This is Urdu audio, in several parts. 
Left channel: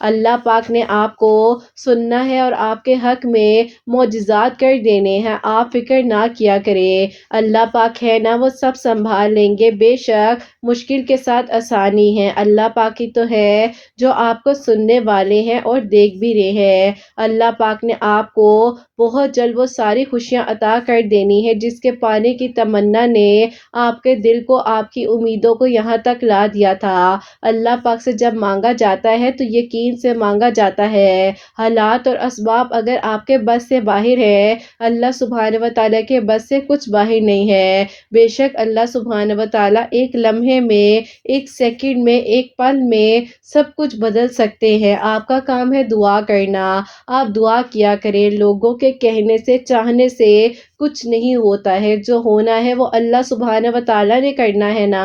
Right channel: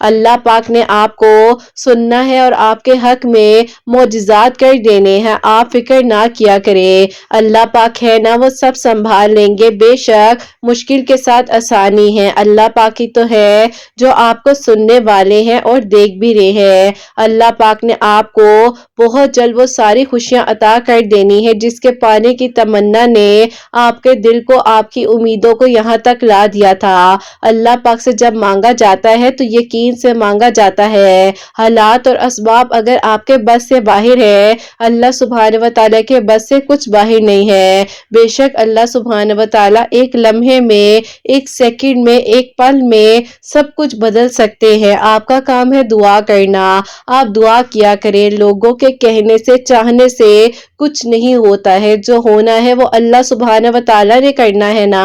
اللہ پاک نے آپ کو سننا ہے اور آپ کے حق میں معجزات کر دینے ہیں، آپ فکر نہ کیا کریں۔ اللہ پاک ہے نا، وہ سب سنبھال لیں گے، بے شک مشکل کے ساتھ آسانی ہے۔ اللہ پاک ہی تو ہے جو آپ کو سننے والے ہیں اور دیکھ بھی رہے ہیں۔ اللہ پاک نے آپ کو بہت جلد وہ ساری خوشیاں عطا کر دینی ہے جس کے پانے کی تمنا نے آپ کے دل کو، آپ کی امیدوں کو یہاں تک لا دیا تھا۔ اللہ پاک سے جب مانگا جاتا ہے تو یقین سے مانگا جاتا ہے۔ حالات اور اسباب اگر آپ کے بس سے باہر ہے، اللہ سبحانہ و تعالیٰ کے بس سے کچھ باہر نہیں ہے۔ بے شک اللہ سبحانہ و تعالیٰ ایک لمحے میں، ایک سیکنڈ میں، ایک پل میں سب کچھ بدل سکتے ہیں۔ آپ کا کام ہے دعا کرنا، آپ دعا کیا کریں۔ لوگوں کے کہنے سے، چاہنے سے کچھ نہیں ہوتا ہے، جو ہونا ہے وہ اللہ سبحانہ و تعالیٰ نے کرنا ہے نا،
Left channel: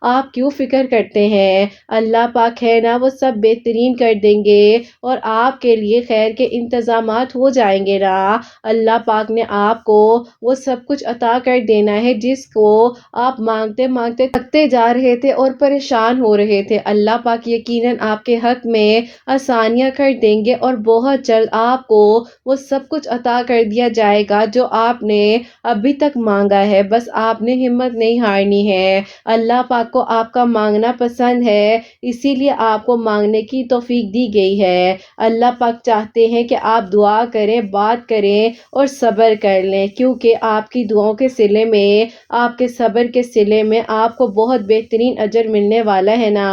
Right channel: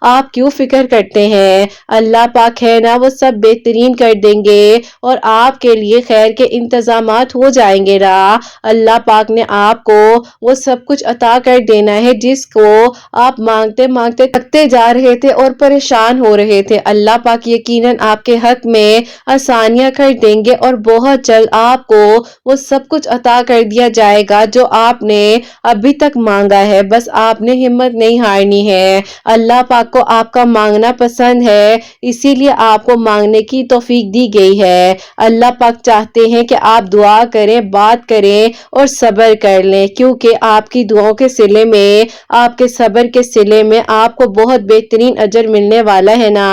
آپ کیوں فکر کرتے ہیں؟ اللہ پاک ہے نا، وہ سب بہترین کر دیں گے اور آپ کے لیے خیر کے انتظامات ہو جائیں گے نا۔ اللہ پاک نے آپ کو وہ سب کچھ عطا کر دینا ہے جس کو آپ مانگتے مانگتے تھکتے جا رہے تھے اور پریشان ہو رہے تھے۔ اللہ پاک یقیناً آپ کے حق میں آسانیاں کر دیں گے اور بہت جلد آپ کو وہ سب کچھ عطا کر دیا جائے گا جو آپ نے ابھی تک مانگا ہے۔ بس آپ نے ہمت نہیں ہارنی ہے۔ اللہ پاک کو آپ کا مانگنا پسند ہے، اسی لیے آپ کو مانگنے کی توفیق دی گئی ہے۔ اللہ پاک چاہتے ہیں کہ آپ دعا کریں، بات کریں اور صبر کر لیں، کیونکہ آپ کی دعاؤں کے صلے میں، آپ کے صبر کے صلے میں آپ کو بہت بہترین اجر ملنے والا ہے نا۔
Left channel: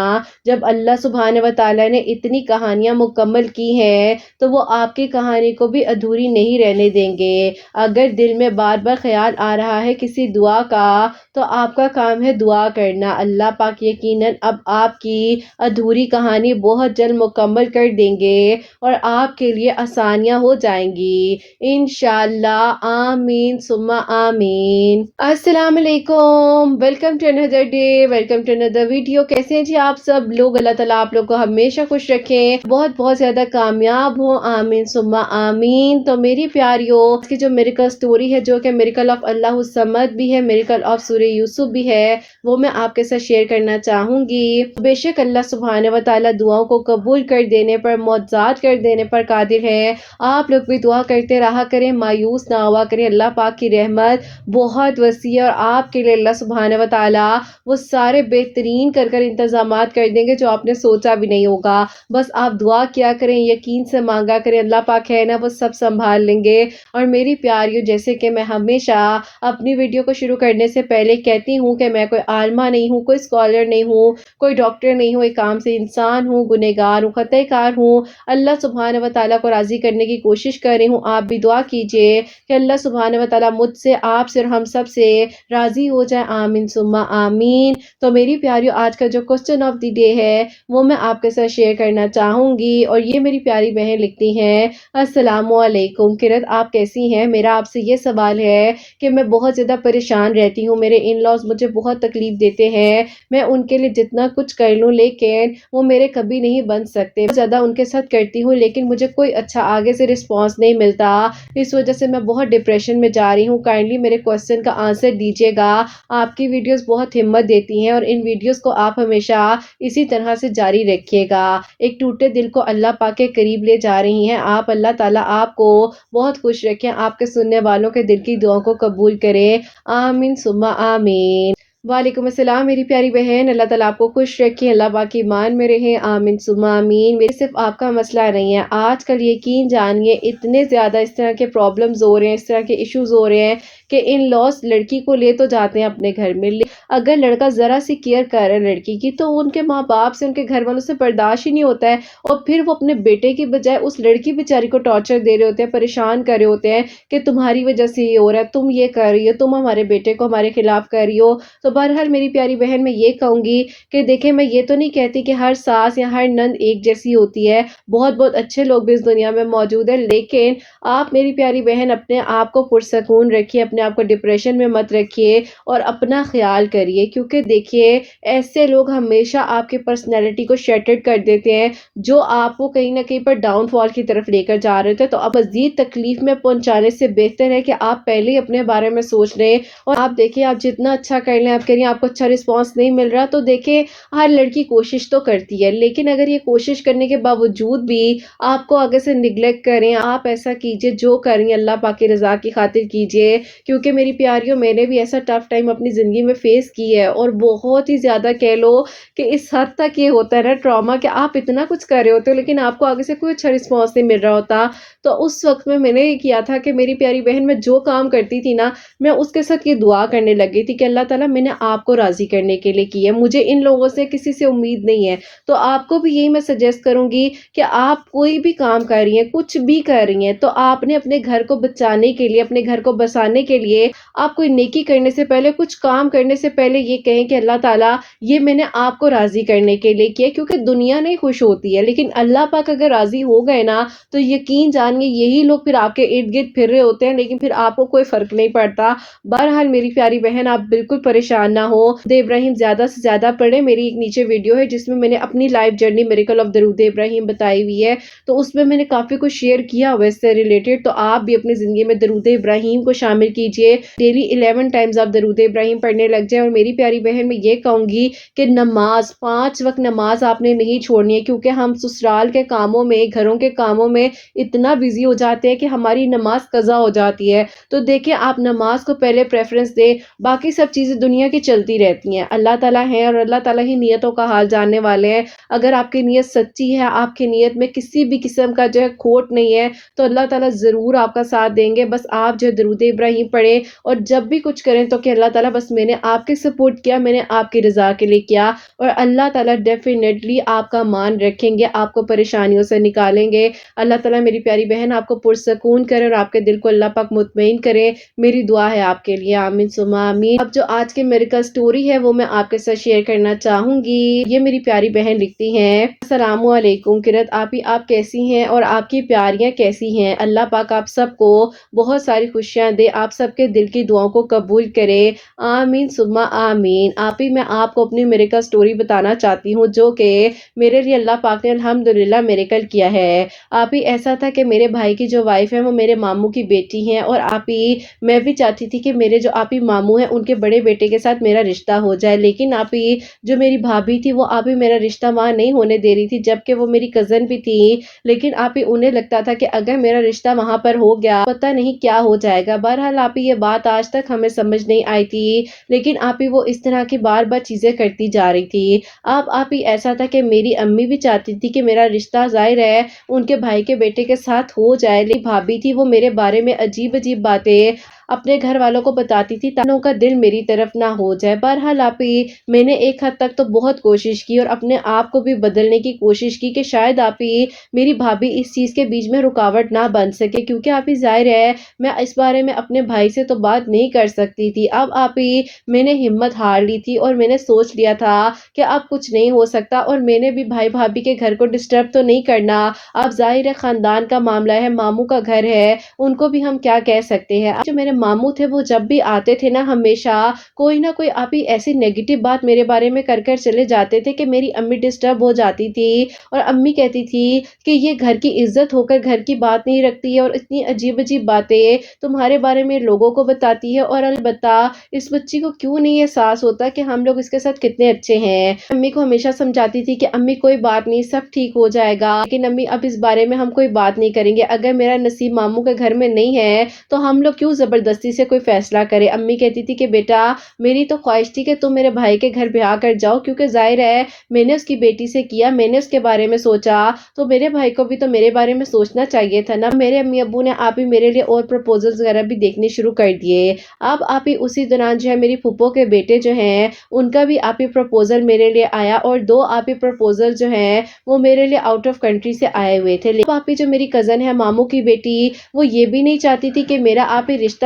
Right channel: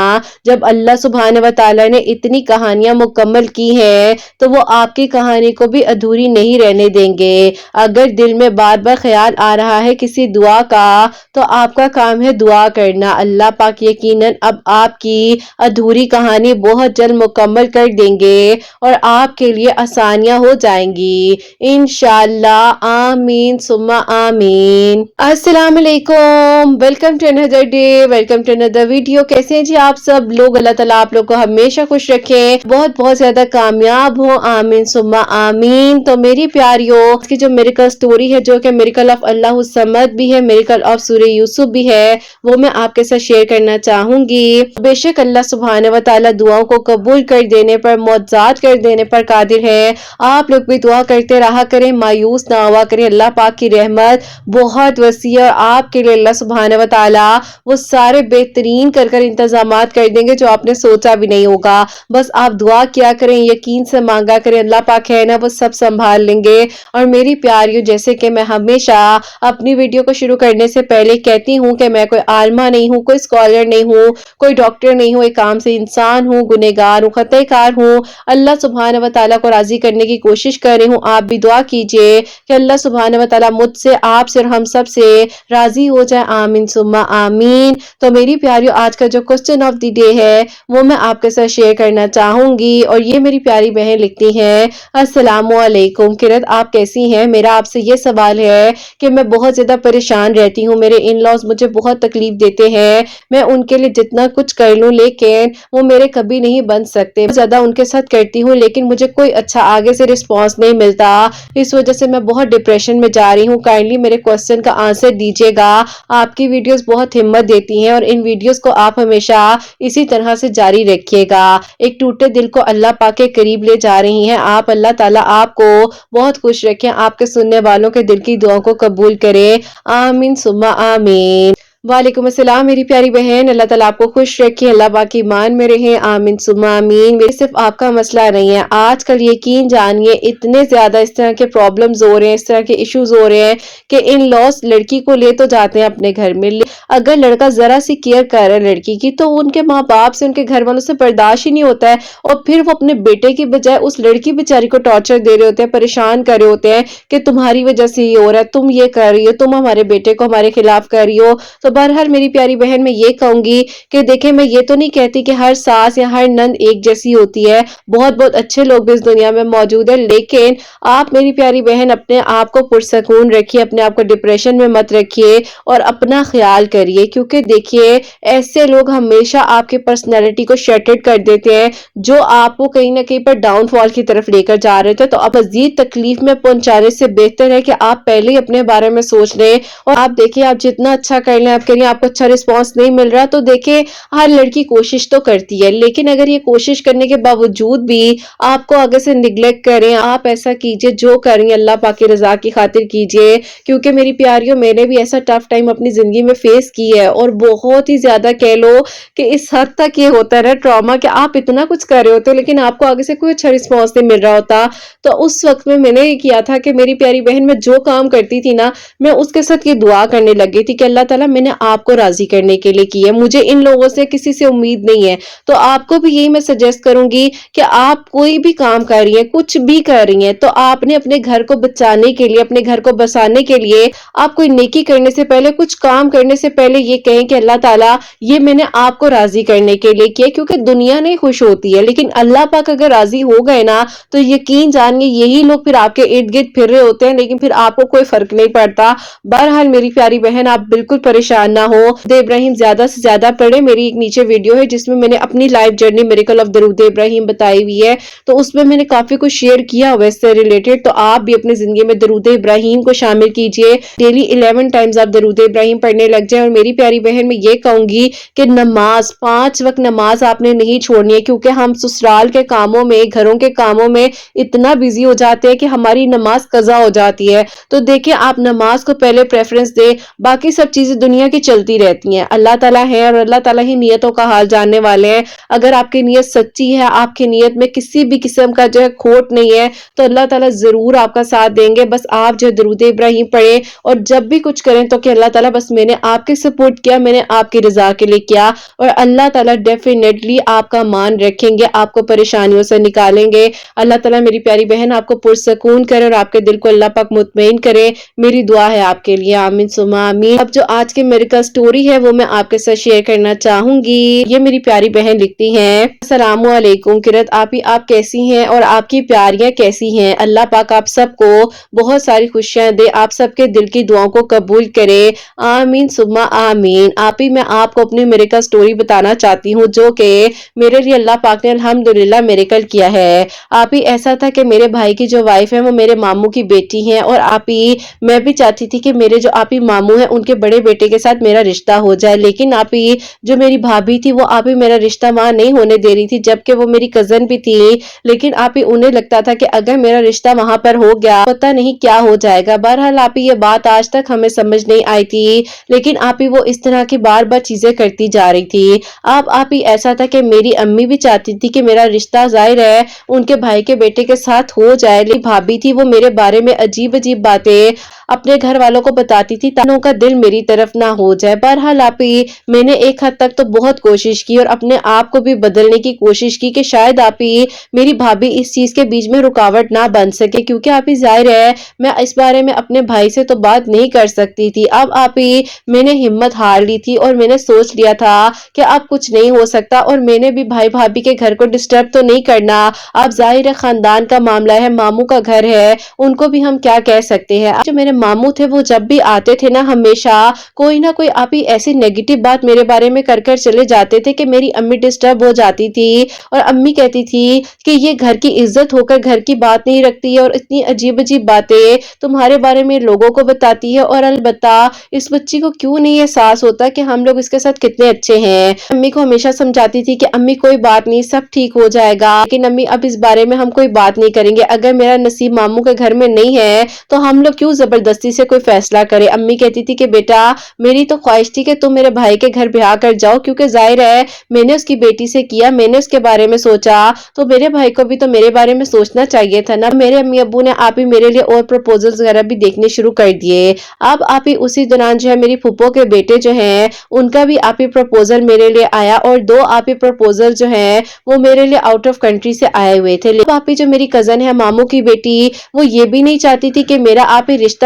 جب اللہ سبحانہ و تعالیٰ نے اتنی کہانیاں مکمل کی ہیں تو وہ آپ کی کہانی کو بھی ادھوری نہیں رہنے دیں گے۔ اگر دل میں بار بار خیال آ رہا ہے کسی دعا کا تو آپ کا کام ہے دعا کرنا۔ اللہ پاک یقیناً اب آپ کی ادھوری کہانی بہت جلد مکمل کر دیں گے اور آپ کے لیے آسانیاں ہو جائیں گی انشاءاللہ۔ آمین ثم آمین۔ السلام علیکم، welcome to another day, welcome to another video. کیسے ہیں جی آپ سب لوگ؟ اللہ تعالیٰ آپ لوگ کو ہمیشہ خوش رکھیں، بہت بہت زیادہ کامیاب ہو، آمین ثم آمین۔ تو میری پیاریوں، اس کی جو میریکل سٹوری ہے، جو کہ میریکل آف اللہ الصمد بھی ہے، میریکل آف سورہ یوسف بھی ہے، وہ میں آپ کے ساتھ شیئر کرنا چاہوں گی۔ بے شک اللہ سبحانہ و تعالیٰ دعاؤں کو قبول کر دینے پر، معجزات کر دینے پر قادر ہے۔ آپ لوگ بھی دعا کرتے رہا کریں، مایوس نہ ہوا کریں۔ اللہ پاک کی رحمت بہت وسیع ہے، آپ کے لیے اللہ سبحانہ و تعالیٰ وہ سارے بہترین کر انتظامات کر دیں گے جو آپ نے سوچا بھی نہیں ہوگا۔ بس آپ دعا کیا کریں، یقین سے مانگا کریں، اللہ پاک ہے نا، وہ سب سنبھال لیں گے۔ اور میری پیاریوں، جیسے کہ میں ہمیشہ اپنی ویڈیو کو شروع کرنے سے پہلے کہتی ہوں کہ میں کوئی عالمہ نہیں ہوں، کوئی اسکالر نہیں ہوں، کوئی ڈاکٹر نہیں ہوں، ایک عام سے انسان ہوں، گنہگار ہوں، خطا کار ہوں۔ اللہ سبحانہ و تعالیٰ کو راضی کرنے کی کوشش کر رہی ہوں۔ آپ بھی دعا کیجئے کہ اللہ سبحانہ و تعالیٰ مجھ سے، آپ سے اور ہم سب سے راضی ہو جائے، آمین ثم آمین۔ تو میری پیاریوں، آج کا جو کوسچن آف دی ڈے ہے وہ میں آپ کے ساتھ شیئر کرنا چاہوں گی، اور یہ میری پیاری بہن لکھتی ہیں، السلام علیکم قرت، آپ کیسی ہیں؟ میرا آپ سے یہ سوال ہے کہ میں بہت زیادہ پریشان رہتی ہوں، میرے ان لاز مجھے بہت تکلیف دیتے ہیں، میں ان کے لیے جتنا کچھ کر لوں لیکن وہ میرے کبھی نہیں بن سکتے، زیادہ ان کے ساتھ کرتی ہوں لیکن مجھے کوئی اچھا آگے سے رسپانس نہیں ملتا، اس وجہ سے میں بہت ڈپریشن میں جا رہی ہوں۔ کائنڈلی میرے کوسچن کا آنسر دیجیے گا۔ آپ کی ویڈیوز بہت ہمت دیتی ہیں اور ان ویڈیوز کو آپ ہمیشہ اسی طرح سے جاری رکھیے گا۔ ایک ٹوٹے دل کو اللہ پاک کے قریب لے جا رہی ہیں آپ، اللہ تعالیٰ آپ کو بہت خوش رکھیں، آپ کے سننے والوں کے دل کی دعاؤں کو قبول کرے، آمین ثم آمین۔ وعلیکم السلام میری پیاری بہن، اللہ تعالیٰ آپ کو خوش رکھیں، اللہ پاک کی ایمان میں رہیں، آمین ثم آمین۔ میرے صرف آپ کا مسئلہ نہیں ہے، آج کل یقین جانیے اتنے زیادہ اس طرح کے پرابلمز ہو رہے ہیں، اس طرح کے ایشوز ہو رہے ہیں کہ ان لاس لڑکی کو لے تو جاتے ہیں اپنے گھر میں، اگر لڑکا ذرا سی کیئر کر رہا ہے لڑکی کی تو ان کے ماں باپ سے، ان کے گھر والوں سے برداشت ہی نہیں ہوتا ہے، اور پھر وہ اپنے بیٹے کی بجائے اس لڑکی بیچاری کو ٹارچر دے رہے ہوتے ہیں، پریشان کر رہے ہوتے ہیں کہ تمہاری وجہ سے یہ ہو رہا ہے، تم یہ کر رہی ہو، تم ہمارے بیٹے کو ہمارے خلاف کر رہی ہو۔ تو بہرحال میری پیاری بہن، میں یہ کہوں گی کہ دیکھیں، میں یہ تو نہیں کہتی کہ ہر ساس یا ہر نند ایک جیسی ہوتی ہے، بہت بہت اچھے لوگ بھی اس دنیا میں موجود ہیں، لیکن آپ میری پیاری بہن اپنے آپ کو پرسکون رکھیے، اپنے آپ کو ڈپریشن میں مت رکھیے اور اپنا خیال کریے، کیونکہ دیکھیے ایسے لوگ ہمیشہ آپ کی پرسنالٹی کو شیٹرڈ کر دیتے ہیں، جو آپ کو کہیں نہ کہیں پر ڈاؤن فال کی طرف لے کر جا رہے تھے۔ تو اب مزید تکلیف میں پہنچانے سے بہتر ہے کہ آپ پہلے ہی اپنے بارے میں سوچ لیں، اور آپ دیکھیں آپ جتنا اچھا کر لیں، آپ کہہ رہی ہیں آپ کو اچھا رسپانس نہیں مل رہا، تو دیکھیں ہر لڑکی کوشش تو کرتی ہے، لیکن اگر یہ کوشش کرنے کے باوجود بھی آپ کو آگے سے نیگلیکٹ کریں، آپ ایسا کیجئے جو کریں اللہ پاک کی رضا کی خاطر کیجئے، کیونکہ میری پیاریوں میں نے بھی ایسا ٹف ٹائم اپنی زندگی میں فیس کی ہے، اور بہت ہی زیادہ کہہ لو کہ اس حد تک یہ ہوتا ہے نا ٹراما، کہ آپ اتنا کچھ کر رہے ہوتے ہو لیکن آپ کو آگے سے کوئی اچھا رسپانس نہیں مل رہا ہوتا۔ تو اس وقت میں نے یہ کیا تھا کہ میری پیاری بہن میں جو کام کرتی تھی نا، میں اس کے ساتھ یہ دعا کرنے لگ گئی تھی کہ اللہ تعالیٰ میں نے آپ کو راضی کرنے کے لیے کی ہے، مجھے ان لوگوں سے کسی سے امید نہیں ہے۔ تو آپ کو بھی یہی میں سجیسٹ کروں گی کہ آپ کوئی بھی کام کر رہی ہیں، کچھ بھی کر رہی ہیں، تو آپ نے اپنے گھر کو بچانے کے لیے، اپنے گھر کو بسانے کے لیے، آپ کوئی نیکی کرنے سے پہلے، کچھ کام کرنے سے پہلے یہ کہیں کہ اللہ تعالیٰ یہ میں نے آپ کو راضی کرنے کے لیے کیا، کیونکہ دنیا نہیں خوش ہوتی ہے لیکن اللہ پاک اگر راضی ہو گئے نا تو یقین جانیے یہی لوگ پھر آپ کے ارد گرد پھر رہے ہوتے ہیں، لیکن پھر آپ کو کوئی فرق نہیں پڑتا۔ بہرحال میری پیاری بہن آپ بالکل پریشان نہ ہو، درود ابراہیم زیادہ سے زیادہ پڑھے، میری ایک نیچے ویڈیو ہے جس میں میں نے اپنی لائف جرنی میریکل آف درود ابراہیم بتائی ہوئی ہے، تو اس میں میں نے کافی کچھ شیئر کیا ہوا اس سے ریلیٹڈ، تو آپ بھی اپنی زندگی میں درود ابراہیم کو شامل کیجئے، ڈیلی 11 ٹائمز آپ درود ابراہیم پڑھنے لگ جائیں۔ اور میری پیاری بہن میں یہ کہوں گی کہ نماز 5 وقت نماز آپ نے نہیں چھوڑنی ہے، کیونکہ ہم سسرال کے کاموں میں، گھروں کے کاموں میں اتنا بزی ہو جاتے ہیں کہ ہماری نماز قضا ہو جاتی ہے۔ تو دیکھیں آپ نماز کو پہلے پریفرنس دیں، باقی سب چیزیں دنیا کی چلتی رہتی ہیں، اللہ تعالیٰ ہے اور اللہ تعالیٰ ہی نیتوں کا حال جاننے والے ہیں۔ اگر آپ کی نیت سچی ہے، آپ کی نیت میں کسی بھی قسم کا جو ہے کھوٹ نہیں ہے، تو اللہ تعالیٰ ضرور آپ کا ساتھ دیں گے۔ بس آپ جو درود ابراہیم پڑھیں اور جب بھی کچھ کریں تو کہ اللہ تعالیٰ بس میں نے آپ کی سپورٹ کیا، میں نے آپ کی رضا کے لیے کیا، اور اللہ تعالیٰ ڈیفینیٹلی آپ کا مان رکھیں گے، آپ کو پریشانیوں سے نکالیں گے۔ اللہ تعالیٰ میری پیاری بہن آپ کو پرسکون کرے اور آپ کے دل کو اللہ پاک مطمئن کرے، میری دعا ہے آپ کے لیے، آمین ثم آمین۔ اب جو آج کی میریکل سٹوری ہے وہ میں آپ کے ساتھ شیئر کرنا چاہوں گی۔ یہ میری پیاری بہن لکھتی ہیں، السلام علیکم قرت آپی، آپ کیسی ہیں اور آپ کی پیاریاں کیسی ہیں؟ اللہ پاک آپ سب کو بہت ساری خوشیاں دے، آپ سب کے دل کی دعاؤں کو قبول کرے، آمین ثم آمین۔ آپی میں آپ کو اپنی میریکل سٹوری بتانا چاہتی ہوں جو کہ میرے لیے اللہ پاک نے الحمدللہ میریکل کیا ہے۔ آپی ایسا تھا کہ میرے بھائی کی جو وائف ہے وہ میرے ماموں کی بیٹی ہیں، اور آپی میں بھی چاہتی تھی کہ میرے جو آپی ماموں ہیں ان کے بڑے بیٹے کے ساتھ میرا رشتہ ہو جائے، لیکن آپی جو میری بھابھی تھی وہ آپی میرا رشتہ وہاں نہیں ہونے دے رہی تھی، جبکہ وہ میری کزن بھی تھی، لیکن آپی انہیں لگتا تھا کہ اگر میرا رشتہ وہاں پر ہو گیا پتہ نہیں کیا ہو جائے گا۔ بہرحال آپی یہ بات آج تک ہمیں سمجھ نہیں آئی تھی، لیکن آپی وہ اس طرح کی بار بار چیزیں کرتی جا رہی تھی۔ اب آپی ایسا تھا کہ میری امی بھی چاہتی تھی کہ میرا رشتہ ظاہر ہے ان کے بھائی کے بیٹے کے ساتھ ہو جائے، لیکن بھابھی تھی وہ میرے بارے میں عجیب عجیب باتیں اپنے گھر والوں کو بتاتی تھی تاکہ ان کا دل میری طرف نہ ہو جائے۔ بہرحال آپی میں نے ایک حد تک تو بہت کوشش کی اور اپنے آپ کو بھی بدلنے کی کوشش کی کہ شاید آپی میری بھابھی اس چیز کے بیچ میں رکاوٹ نہ بن سکے، کیونکہ آپی ظاہر ہے میں اس بارے میں اپنے بھائی سے تو بات نہیں کر سکتی تھی۔ اب آپی میں نے ہمت ہار لی تھی اور میں نے سوچ لیا تھا کہ اب کچھ نہیں ہو سکتا، اور میں نے بھی بھائی بھابھی کے گھر کو ڈسٹرب تو نہیں کرنا، اب ظاہر ہے خاندان کا معاملہ ہے، ماموں کا گھر ہے، ان کو بھی ہم کیا کہہ سکتے ہیں۔ جو میرے ماموں تھے وہ جب بھی آتے تھے نا ہمیشہ کوئی نہ کوئی آپی ایسی نیگیٹو بات میرے بارے میں کر چلے جاتے تھے کہ میری امی ڈسٹرب ہو جاتی تھی، اور امی کہتی تھی کہ یہ گھر کی عزت ہو کر گھر کی بات نہیں رکھتی ہے اور اتنی عجیب عجیب باتیں تمہارے بارے میں لوگوں کو بتاتی ہے، اور البتہ اس بچی کو کیوں نہیں احساس ہوتا کہ ہم لوگ اس کے ساتھ کتنے اچھے ہیں۔ امی کو ہمیشہ سمجھاتی تھی کہ امی کوئی بات نہیں، سب ٹھیک ہو جائے گا، لیکن امی اب اس بارے میں ہم کوئی بات نہیں کریں گے، اگر میرا نصیب ماموں کے گھر میں نہیں ہے تو ہم لوگ کیوں زبردستی سے کوئی فیصلہ کرے۔ امی کہتی تھی کہ بیٹا میری تو خواہش تھی کہ تم میرے بھائی کے گھر بیاہ کر جاؤ، کیونکہ ظاہر ہے میں نے اس کی بیٹی سے کیا، میں نے اس کے بارے میں سوچا، تو میرے بھائی کو بھی تو میرے بارے میں سوچنا چاہیے تھا نا۔ میرے امی ابو نے آپ ہی میرے لیے اور پروپوزلز وغیرہ بھی دیکھنے شروع کر دیے۔ اب آپ ہی اسی دوران جو ہے میری پھپھو کے بیٹے جو ہیں ان کا بھی آپ ہی پروپوزل میرے لیے آیا، اور 2 آپ ہی پروپوزل جو ہیں وہ میرے لیے آؤٹ آف کنٹری سے آئے ہوئے تھے۔ اب آپ ہی جو میری کزن ہے ماموں کی بیٹی وہ یہ بھی نہیں چاہتی تھی کہ میرا آپ ہی رشتہ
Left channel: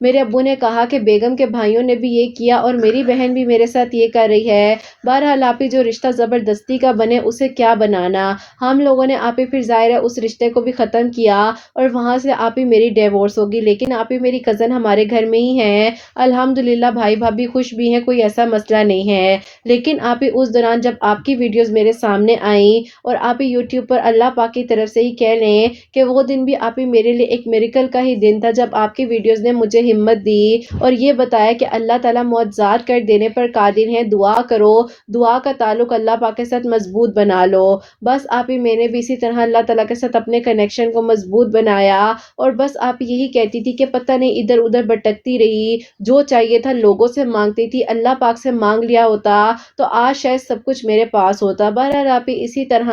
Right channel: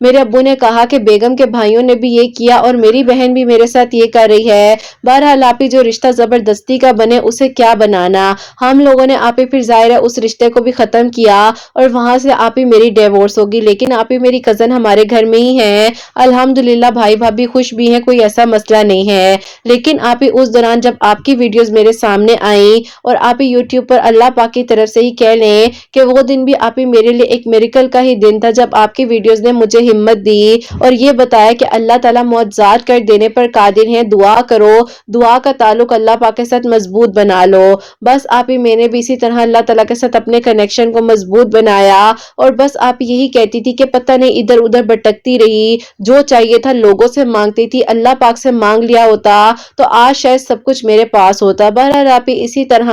میرے ابو نے کہا کہ بیگم کے بھائیوں نے بھی یہ کیا اور میری بہن بھی میرے ساتھ یہ کر رہی ہے. بہرحال آپ جو رشتہ زبردستی کا بنے اسے کیا بنانا. ہم لوگوں نے آپ پھر ظاہر ہے اس رشتے کو بھی ختم کیا اور وہاں سے آپ میری ڈیورس ہوگی. لیکن آپ میری کزن ہمارے گھر میں ہی ہیں. الحمدللہ بھائی بھابھی خوش بھی ہیں, کوئی ایسا مسئلہ نہیں ہے. لیکن آپ اس دوران جب آپ کی ویڈیوز میرے سامنے آئیں اور آپ یوٹیوب پر اللہ پاک کی طرف سے ہی کہہ لیں کہ وہ دن بھی آپ میرے لیے ایک میریکل کا ہی دن تھا, جب آپ کی ویڈیوز نے مجھے ہمت دی اور یہ بتایا کہ اللہ تعالیٰ معجزات کر دینے پر قادر ہیں. دعا کرو, دعا کا تعلق اللہ پاک کے ساتھ مضبوط بنا لو. بس آپ میں نے بھی اسی طرح اللہ تعالیٰ کے ساتھ اپنے کنیکشن کو مضبوط بنایا اور بس آپ یہی کہتی تھی کہ پتہ نہیں ادھر ادھر بھٹکتی رہی, جو چاہیے تھا لوگوں سے مانگتی تھی, اللہ پاک سے مانگ لیا ہوتا تو آج شاید سب کچھ میرے پاس ہوتا. بہرحال آپ اسی طرح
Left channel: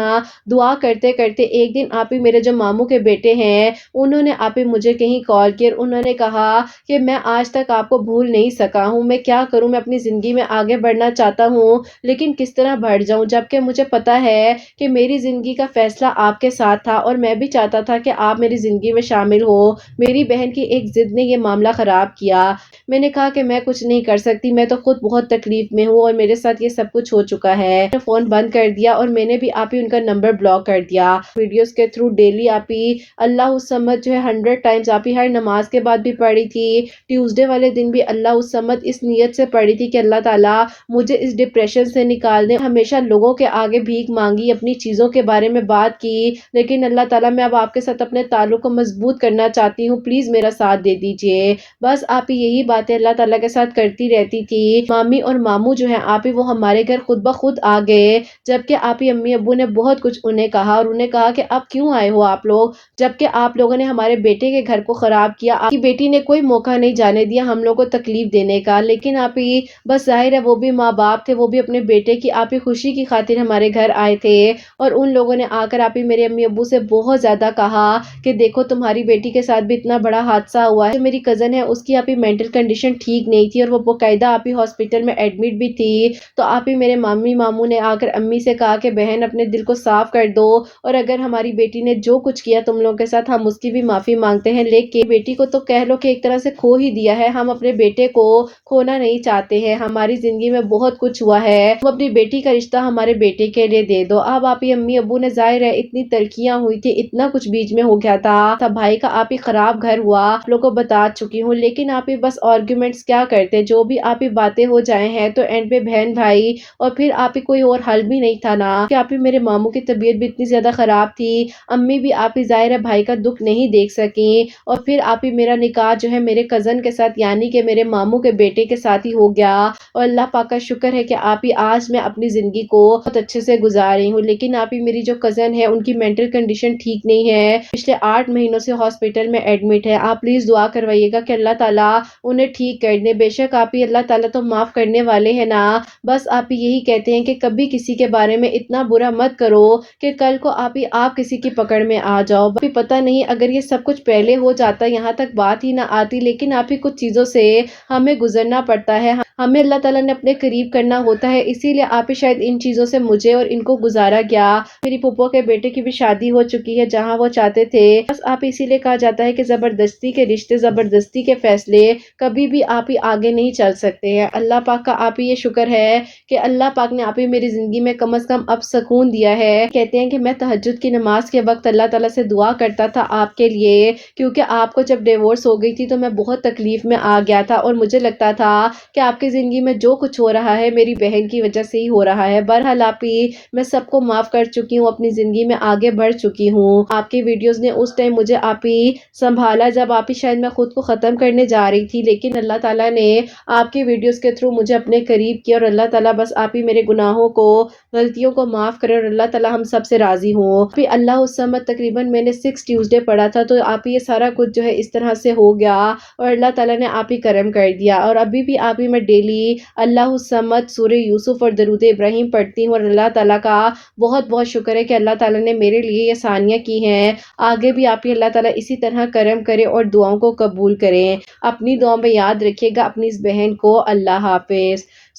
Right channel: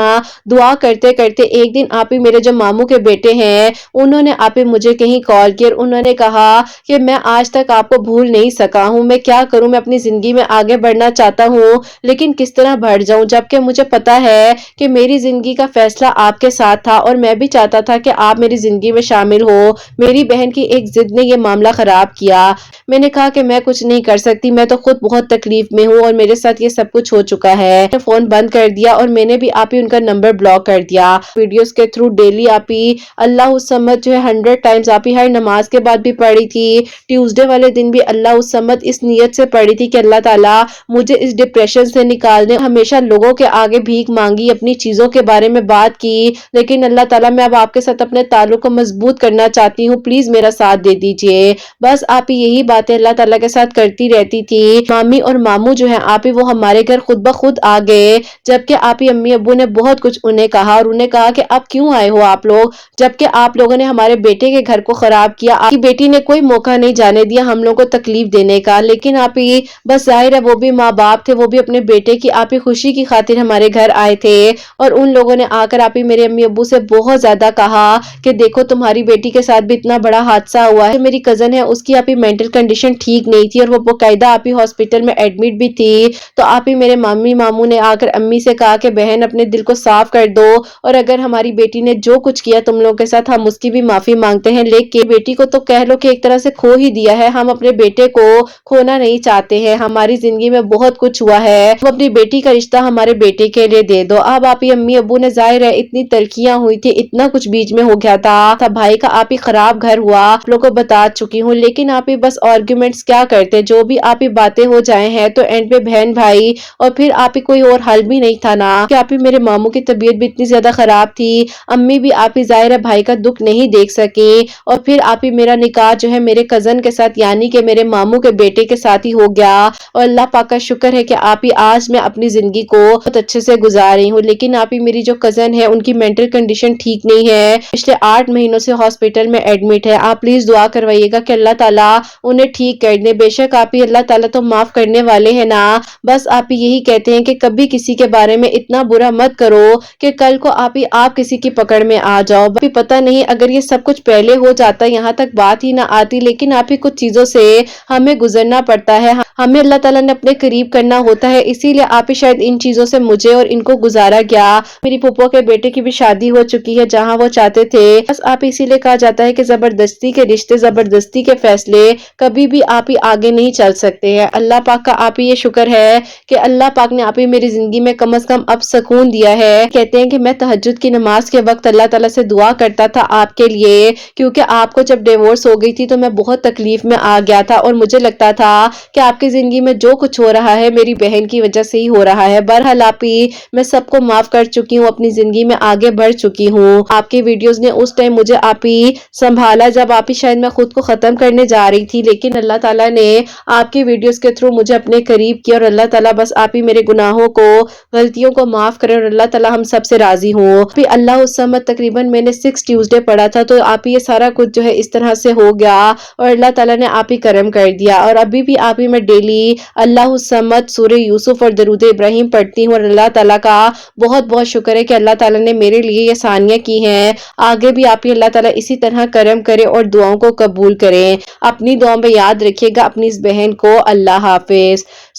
دعا کرتے کرتے ایک دن آپ میرے جو ماموں کے بیٹے ہیں انہوں نے آپ مجھے کہیں کال کیا اور انہوں نے کہا کہ میں آج تک آپ کو بھول نہیں سکا ہوں, میں کیا کروں, میں اپنی زندگی میں آگے بڑھنا چاہتا ہوں لیکن کس طرح بڑھ جاؤں, جبکہ مجھے پتا ہے کہ میری زندگی کا فیصلہ آپ کے ساتھ تھا اور میں بھی چاہتا تھا کہ آپ میری زندگی میں شامل ہو. میری بہن کی ایک ضد نے یہ معاملہ خراب کیا. میں نے کہا کہ میں کچھ نہیں کر سکتی, میں تو خود بہت تکلیف میں ہوں اور میرے ساتھ یہ سب کچھ ہو چکا ہے. میں نے فون بند کر دیا اور میں نے بھی آپ ہی ان کا نمبر بلاک کر دیا. ویڈیوز کے تھرو ڈیلی آپ ہی اللہ الصمد جو ہے 100 ٹائمز آپ ہی ہر نماز کے بعد بھی پڑھی تھی. ٹیوزڈے والے دن بھی اللہ الصمد اس نیت سے پڑھی تھی کہ اللہ تعالیٰ مجھے اس ڈپریشن سے نکال دے. ہمیشہ لوگوں کے آگے بھیک مانگی, اپنی چیزوں کے بارے میں بات کی, لیکن اللہ تعالیٰ میں اب آپ کے ساتھ اپنے تعلق کو مضبوط کرنا چاہتی ہوں, پلیز میرا ساتھ دے دیجئے. بس آپ یہی باتیں اللہ تعالیٰ کے ساتھ کرتی رہتی تھی. مامی اور ماموں جو ہیں آپ وہ ہمارے گھر خود بخود آ گئے, جبکہ آپ امی ابو نے بہت کچھ انہیں کہا اور انہیں کہا کہ آپ کیوں آئے ہو آپ لوگ, جبکہ آپ لوگوں نے ہمارے بیٹے کے گھر کو خراب کیا. آپ کی بیٹی نے کوئی موقع نہیں جانے دیا ہم لوگوں کو تکلیف دینے کا, لیکن آپ ہی بس ظاہر ہے وہ بھی ماں باپ تھے, وہ بھی اپنے بیٹے کی آپ ہی خوشی کی خاطر ہمارے گھر آئے تھے اور ان لوگوں نے آ کر آپ ہی میرے امی ابو سے بہت زیادہ کہا کہ دیکھو تمہاری بیٹی کے ساتھ بھی اتنا بڑا حادثہ ہوا ہے. میری کزن ہے اس کی آپ ہی مینٹل کنڈیشن ٹھیک نہیں تھی اور وہ باقاعدہ آپ ہی ہاسپٹل میں ایڈمٹ بھی تھی. تو آپ ہی میرے مامی ماموں نے آ کر امی سے کہا کہ بہن اپنے دل کو صاف کر دو اور اگر ہماری بیٹی نے جو کچھ کیا تم لوگوں کے ساتھ ہم اس کی بھی معافی مانگتے ہیں, لیکن بیٹی کو تو کہہ لو کہ ایک طرح سے کھو ہی دیا ہے, ہم اپنے بیٹے کو کھونا نہیں چاہتے ہیں. ہماری زندگی میں بہت کچھ ہوا ہے, وہ اپنی بیٹی کا رشتہ ہمارے بیٹے کے لیے دے دو. اب آپ ہی امی ابو نے ظاہر ہے اتنی ترقیاں ہوئی تھی, اتنا کچھ بیچ میں ہو گیا تھا بھائی کا آپ ہی خراب گھر ہوا, آپ لوگوں کو بتا چکی ہوں. لیکن آپ ہی بس آرگومنٹس کیا کرتے, جو بھی آپ ہی باتیں ہو جائیں ہیں تو اینڈ پہ بہن بھائی, اور پھر آپ ہی کوئی اور حل بھی نہیں تھا نا کہ آپ ہی میرے ماموں کی طبیعت بھی اتنی زیادہ خراب تھی, امی بھی آپ ہی ظاہر ہے بھائی کا دکھ نہیں دیکھ سکیں اور پھر آپ ہی میرا نکاح جو ہے میرے کزن کے ساتھ یعنی کہ میرے ماموں کے بیٹے کے ساتھ ہی ہو گیا. اور اللہ پاک کا شکر ہے کہ آپ ہی آج میں اپنی زندگی کو بہت اچھے سے گزار رہی ہوں. لیکن آپ ہی میری جو کزن ہے ان کی مینٹل کنڈیشن ٹھیک نہیں ہے, پچھلے 8 مہینوں سے ہاسپٹل میں ایڈمٹ ہے. آپ پلیز دعا کروائیے گا کہ اللہ تعالیٰ انہیں ٹھیک کر دے. بے شک آپ ہی اللہ تعالیٰ تو معاف کرنے والے ہیں نا, بس آپ یہی کہتے ہیں کہ کبھی کسی کے بارے میں اتنا برا مت کرو کہ کل کو آپ کسی کی پکڑ میں آ جاؤ. پتہ نہیں اگر یہ سب کچھ پہلے ہو جاتا یہاں تک بات ہی نہ آتی, لیکن آپ ہی کچھ چیزوں سے ہمیں گزرنا پڑتا ہے, ہمیں اللہ تعالیٰ نے اپنے قریب کرنا ہوتا ہے, اسی لیے آپ ہی شاید ان چیزوں سے مجھے اور ان کو گزارا گیا. میری پھپھو کے بیٹے کی بھی شادی ہو چکی ہے جہاں وہ چاہتے تھے, بس آپ اسی لیے کہا جاتا ہے کہ زبردستی کے رشتے زبردستی کے فیصلے کبھی بھی آپ ہی آگے نہیں چل سکتے ہیں. اللہ پاک کا آپ ہی یہ شکر ہے کہ اللہ پاک نے آپ ہی میری زندگی میں کم از کم اب سکون دیا ہے. کہتے ہیں کہ میں تہجد کی نماز کے وقت اللہ تعالیٰ سے دعا کرتا تھا آپ کے لیے, کیونکہ آپ کو جب ڈیورس ہو گئی تھی تو میں بہت تکلیف میں آ گیا تھا اور مجھے لگتا تھا کہ آپ کی زندگی میں جو کچھ ہو رہا ہے میری بہن کی وجہ سے ہی ہو رہا ہے. بہرحال آپ ہی میں سب کو معاف کر چکی ہوں, اپنی زندگی میں آگے بڑھ چکی ہوں. آپ کی ویڈیوز نے اس ٹائم مجھے آپ ہی سنبھالا جب آپ ہی شاید میں خود کو ختم کرنے جا رہی تھی, لیکن اللہ تعالیٰ نے آپ کی ویڈیوز کے تھرو مجھے اپنے قریب کیا اور اللہ تعالیٰ بس آپ ہی میرے گناہوں کو غلطیوں کو معاف کرے اور اللہ تعالیٰ ہم سب سے راضی ہوں. پھر اللہ الصمد تقریباً میں نے 6 ٹیوزڈے پڑھا تھا تو آپ ہی یہ سارا کچھ جو ہے اس طرح سے ہو گیا اور اللہ تعالیٰ نے آپ ہی کرم کر دیا. اور ابھی بھی آپ ہی میں ڈیلی اللہ الصمد سورہ یوسف اور درود ابراہیم پڑھتی ہوں اور اللہ تعالیٰ کا بہت بہت شکر ہے کہ اللہ تعالیٰ نے میرے لیے یہ آسانیاں کی ہیں. آگے بھی آپ ہی اللہ تعالیٰ اسی طرح کرم کرے اور دعاؤں کو قبول کریں. اپنی دعاؤں میں یاد رکھیے گا اپنی اس بہن کو. اللہ حافظ.